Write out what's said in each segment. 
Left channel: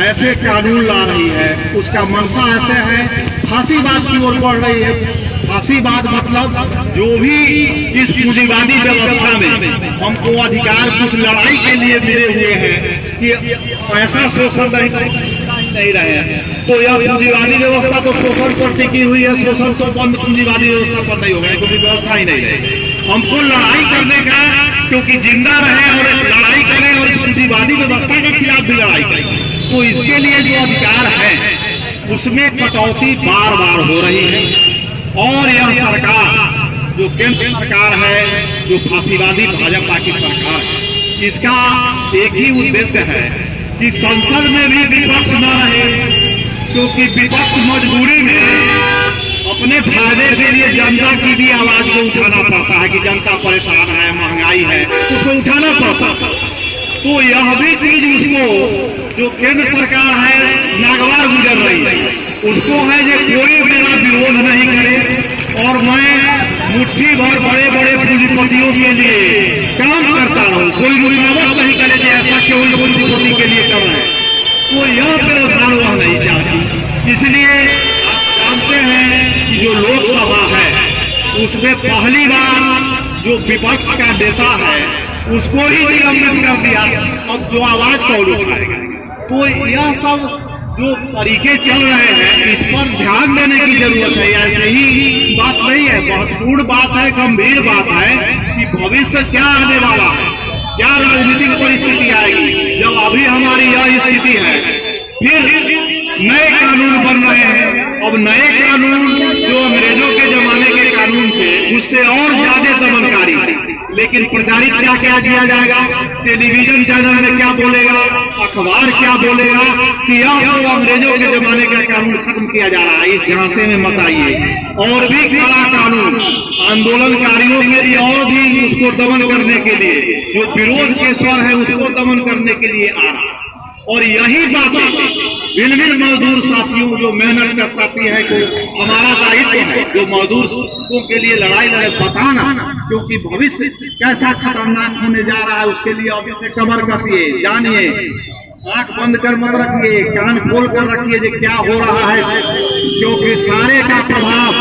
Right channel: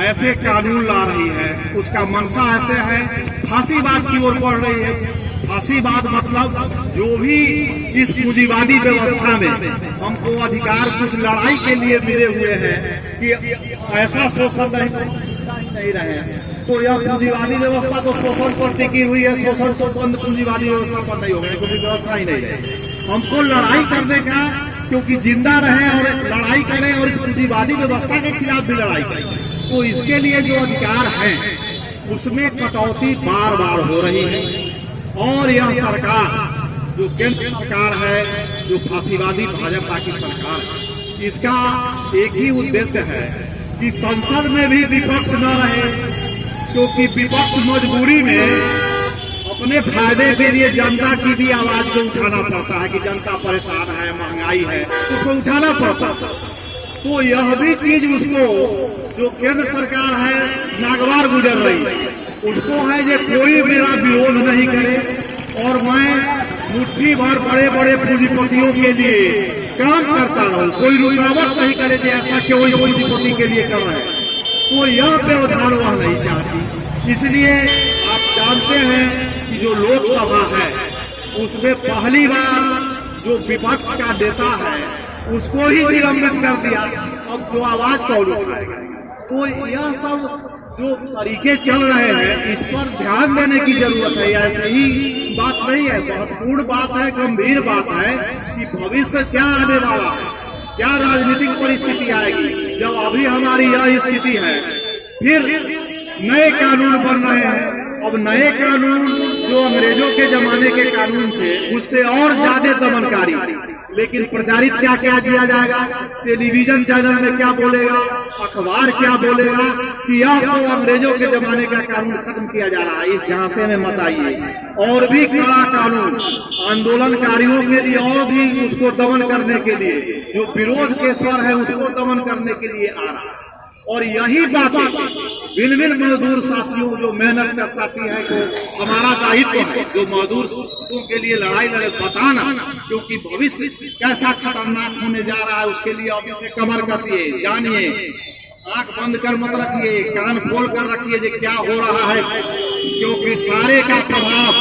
ऐसे कानून ला रही है, उसका मंशा ऐसे है, फांसीवाद की ओर बढ़ रही है। फांसीवाद मतलब जो भी इस पूंजीवादी व्यवस्था में हमको अधिकार कुछ लड़ाई के लिए मिले हुए हैं कि ऐसा शोषण नहीं रहे हैं, तो यह पूंजीवादी व्यवस्था तो शोषण पर टिकी हुई है। शोषण तो बंद पूंजीवादी व्यवस्था पर नहीं होगा, क्योंकि व्यवस्था ही नहीं रहेगी। हमको लड़ाई करने का, क्योंकि जिंदा रहे और लड़ाई करें और पूंजीवादी व्यवस्था के खिलाफ भी लड़ाई करें, तो इसके लिए जो अधिकार है उसमें कटौती बार बार हो रही है। और यह सरकार जो केंद्र सरकार है, जो फांसीवादी भाजपा की सरकार है, इसका एक ही उद्देश्य है कि संसद में भी विपक्ष न रहे, क्योंकि विपक्ष मजबूरी में अपने फायदे के लिए जनता की भी आवाज को उठाना पड़ता है कि जनता परेशान है, महंगाई है, उसको उठाना पड़ता है। तो यह भी चीज उसको, जो केंद्र सरकार है, नागवार गुजर रही है, उसको है जो कोई मेरा विरोध नहीं करे और मैं मुट्ठी भर बड़े बड़े पूंजीपतियों के लिए काम करता रहूं, कोई रुकावट नहीं करे कि ऐसा केवल पूंजीपति के लिए कर रहे हैं, तो यह व्यवधान वह नहीं चाहती। इसलिए आप जानते हैं कि जो लोकसभा है उसमें पहली बार जो विपक्ष का नेता है उसको ही निलंबित कर दिया। अब जो आवाज कौन उठाएगा? तो यह सब जो तरीके चल रहे हैं, इस पर ध्यान देने की जरूरत है। ऐसे ही बात नहीं है, महत्वपूर्ण बात है, गंभीर बात है कि भविष्य क्या आने वाला है, क्या राजनीतिक परिस्थिति आएगी। जब अभी हमारी यह स्थिति है, फिर नए कानून बन रहे हैं। अब नए कानून जो अंग्रेजों के जमाने के कानून थे उससे और ज्यादा दमनकारी, लेकिन प्रचारित क्या क्या किया जाएगा, टेलीविजन चैनल में क्या बोलेगा, अखबार क्या बोलेगा कि यह तो अंग्रेजों के जमाने का कानून खत्म किया जा रहा है। इस झांसे में मत आइए, और भी कड़ा कानून आंदोलनकारियों के लिए, और भी उसको दमन करने के लिए, जो विरोध के स्वर है उसको दमन करने के लिए आ रहा है। और यही बातें भिन्न भिन्न मजदूर साथियों, जो मेहनत का साथी है, को हमारा दायित्व है जो मजदूरों के लिए लड़ाई लड़े बताना, क्योंकि भविष्य कैसा खतरनाक होने जा रहा है उसके लिए अभी से कमर कसिए, जानिए, आंख बंद कर मत रखिए, कान खोल कर रखिए जो क्या हो रहा है, क्योंकि सारे का प्रभाव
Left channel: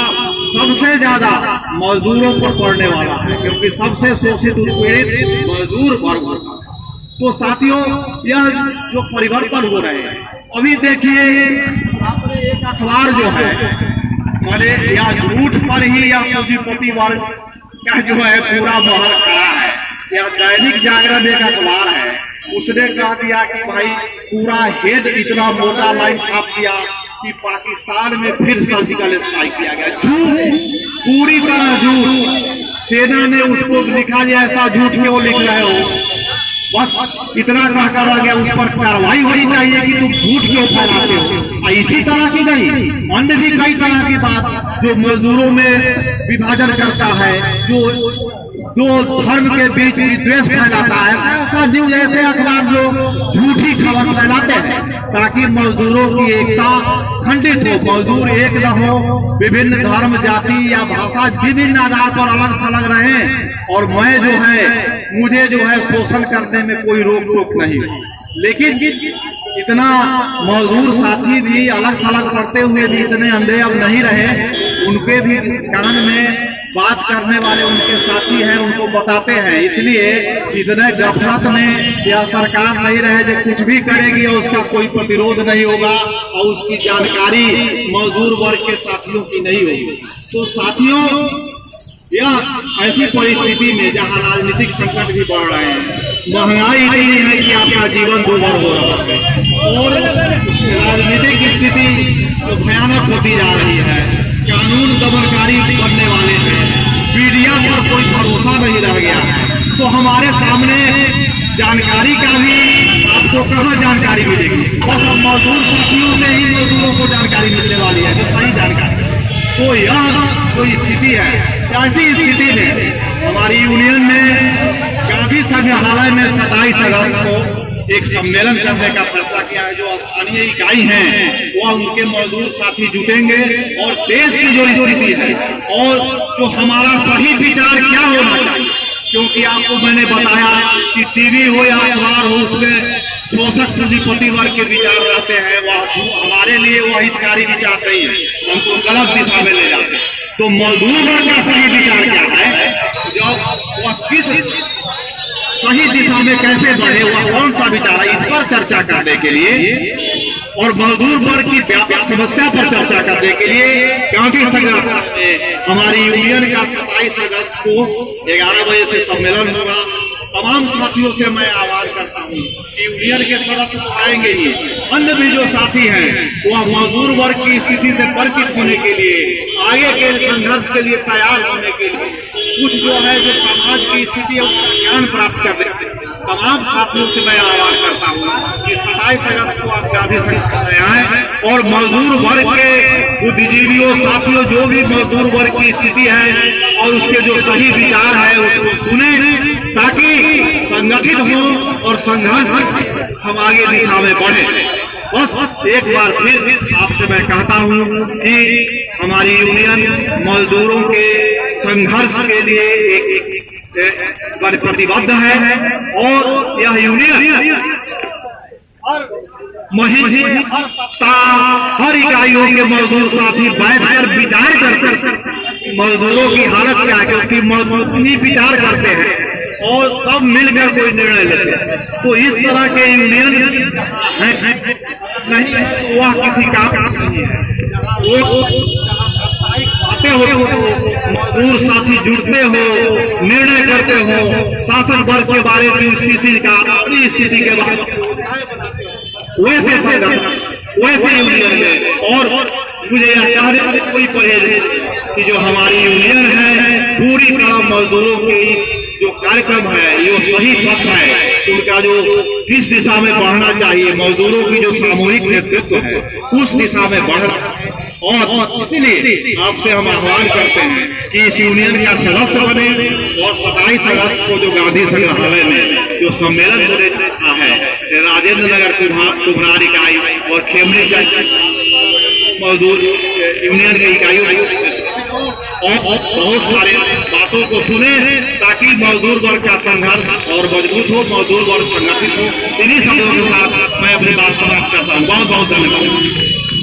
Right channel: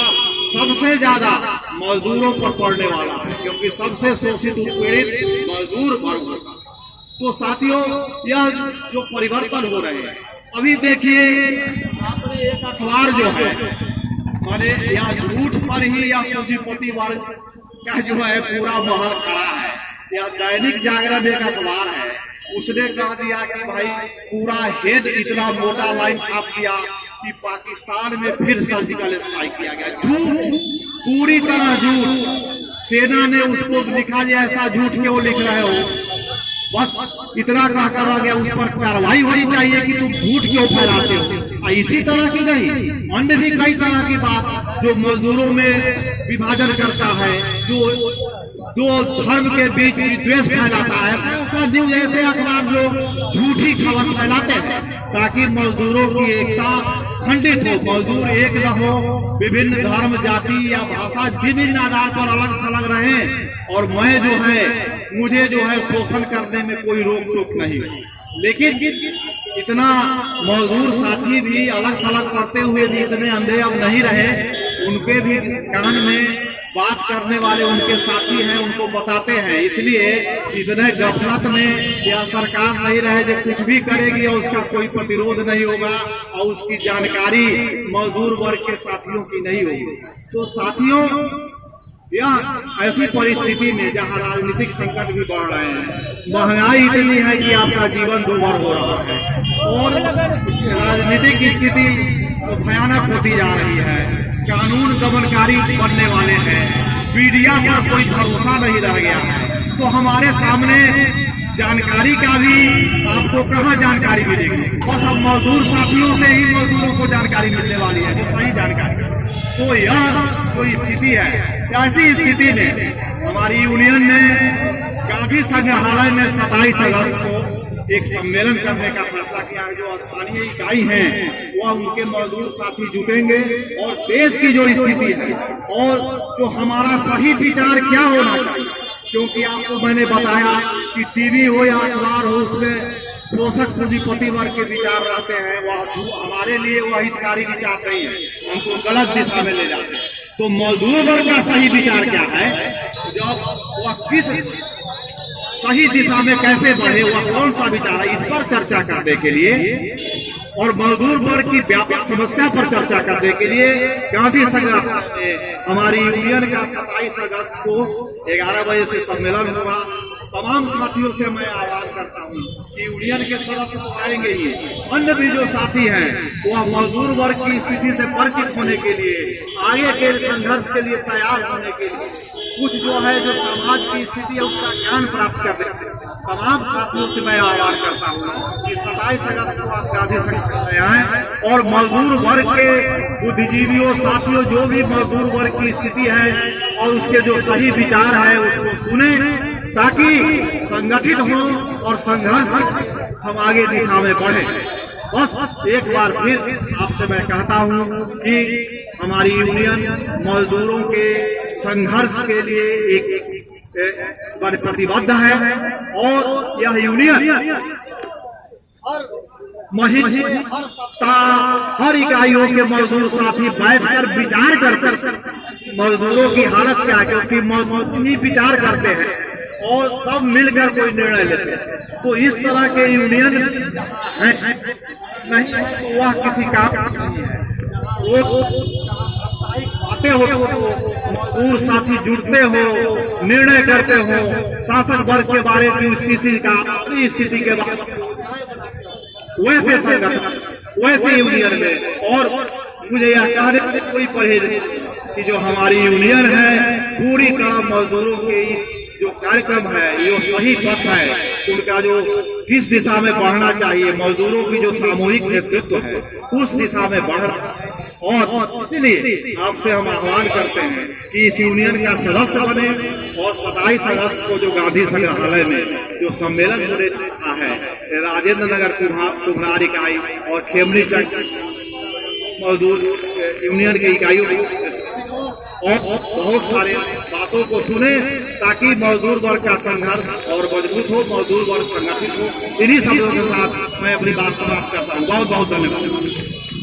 सबसे ज्यादा मजदूरों पर पड़ने वाला है, क्योंकि सबसे शोषित उत्पीड़ित मजदूर वर्ग होता है। तो साथियों, यह जो परिवर्तन हो रहे हैं, अभी देखिए आपने एक अखबार जो है, माने या झूठ पर ही या पूंजीपति वर्ग का जो है पूरा महल खड़ा है। या दैनिक जागरण एक अखबार है, उसने कह दिया कि भाई पूरा हेड इतना मोटा लाइन छाप दिया कि पाकिस्तान में फिर सर्जिकल स्ट्राइक किया गया। झूठ, पूरी तरह झूठ। सेना ने उसको लिखा है, ऐसा झूठ क्यों लिख रहे हो, बस इतना कह कर रह गया, उस पर कार्रवाई होनी चाहिए कि तुम झूठ क्यों फैलाते हो। इसी तरह की नहीं, अन्य भी कई तरह की बात जो मजदूरों में विभाजन करता है, जो धर्म के बीच विद्वेष फैलाता है, ऐसा न्यूज, ऐसे अखबार लोग झूठी खबर फैलाते हैं ताकि मजदूरों की एकता खंडित हो, मजदूर एक न हो, विभिन्न धर्म, जाति या भाषा विभिन्न आधार पर अलग थलग रहे, और मैं जो है, मुझे जो है शोषण करने में कोई रोक टोक नहीं। लेकिन इतना मजदूर साथी भी अलग थलग करते हुए भी इतने अंधे अब नहीं रहे, उनके भी कान में बात करने वाले उनके साथी हैं, उनको बताते हैं। इसलिए इतने गफलत में या सरकार नहीं रहे जो कुछ भी करेगी और उसका कोई प्रतिरोध नहीं होगा और उसकी जानकारी मजदूर वर्ग के साथियों की नहीं होगी। तो साथियों, यह ऐसी परिस्थिति में जहां राजनीतिक संकट भी बढ़ रहे हैं, महंगाई इतनी है कि आपका जीवन दुर्भर हो रहा है, और राजनीतिक स्थिति तो भयानक होती जा रही है, कानून दमनकारी बनने वाले हैं, मीडिया पर कोई भरोसा नहीं रह गया है। तो हमारे सामने जानकारी का भी, आपको कहाँ जानकारी मिलेगी, बस हम मजदूर साथियों से ही मजदूरों को जानकारी मिलने वाली है, जो सही जानकारी। तो यह जो स्थिति है, ऐसी स्थिति में हमारी यूनियन ने गांधी संग्रहालय में 27 अगस्त को एक सम्मेलन करने का फैसला किया है। जो स्थानीय इकाई हैं वह उनके मजदूर साथी जुटेंगे और देश की जो स्थिति है और जो हमारा सही विचार क्या होना चाहिए, क्योंकि आपको मैंने बताया कि टीवी हो या अखबार हो, उसमें शोषक पूंजीपति वर्ग के विचार रहते हैं, वह हमारे लिए वह हितकारी विचार नहीं है, हमको गलत दिशा में ले जाते हैं। तो मजदूर वर्ग का सही विचार क्या है, जो वह किस सही दिशा में कैसे बढ़े, वह कौन सा विचार है, इस पर चर्चा करने के लिए और मजदूर वर्ग की व्यापक समस्या पर चर्चा करने के लिए गांधी संग्रहालय में हमारी यूनियन का 27 अगस्त को 11 बजे से सम्मेलन होगा। तमाम साथियों से मैं आह्वान करता हूँ कि यूनियन के तरफ तो आएंगे ही, अन्य भी जो साथी हैं वह मजदूर वर्ग की स्थिति से परिचित होने के लिए, आगे के संघर्ष के लिए तैयार होने के लिए, कुछ जो है जो समाज की स्थिति है उसका ज्ञान प्राप्त करने, तमाम साथियों से मैं आह्वान करता हूँ कि 27 अगस्त को आप गांधी संग्रहालय आए और मजदूर वर्ग के बुद्धिजीवियों साथियों जो भी मजदूर वर्ग की स्थिति है और उसके जो सही विचार है उसको सुने, ताकि संगठित हो और संघर्ष हम आगे दिशा में बढ़े। बस एक बार फिर आपसे मैं कहता हूँ कि हमारी यूनियन मजदूरों के संघर्ष के लिए एक प्रतिबद्ध है और यह यूनियन हर महीने हर इकाइयों के मजदूर साथी बैठकर विचार करते मजदूरों की हालत क्या है, क्योंकि मजदूर विचार करते हैं और सब मिलकर कोई निर्णय लेते हैं। तो इस तरह के यूनियन नहीं है तो वह किसी काम नहीं है। वो आते हो मजदूर साथी जुड़ते हो, निर्णय करते हो, शासक वर्ग के बारे की स्थिति का, अपनी स्थिति के बारे में वैसे संगठन वैसे यूनियन में। और मुझे यह कहने कोई परहेज नहीं कि जो हमारी यूनियन है पूरी तरह मजदूरों के इस जो कार्यक्रम है ये सही पथ है, उनका जो जिस दिशा में बढ़ना चाहिए, मजदूरों की जो सामूहिक नेतृत्व है उस दिशा में बढ़ रहा है। और इसलिए आपसे हम आह्वान करते हैं कि इस यूनियन का सदस्य बने और 27 अगस्त को जो गांधी संग्रहालय में जो सम्मेलन होने जा रहा है, राजेंद्र नगर कुम्हार इकाई और खेमनी मजदूर यूनियन की इकाइयों और बहुत सारे बातों को सुने, ताकि मजदूर वर्ग का संघर्ष और मजबूत हो, मजदूर वर्ग संगठित हो। इन्हीं शब्दों के साथ मैं अपनी बात समाप्त करता हूँ। बहुत बहुत धन्यवाद।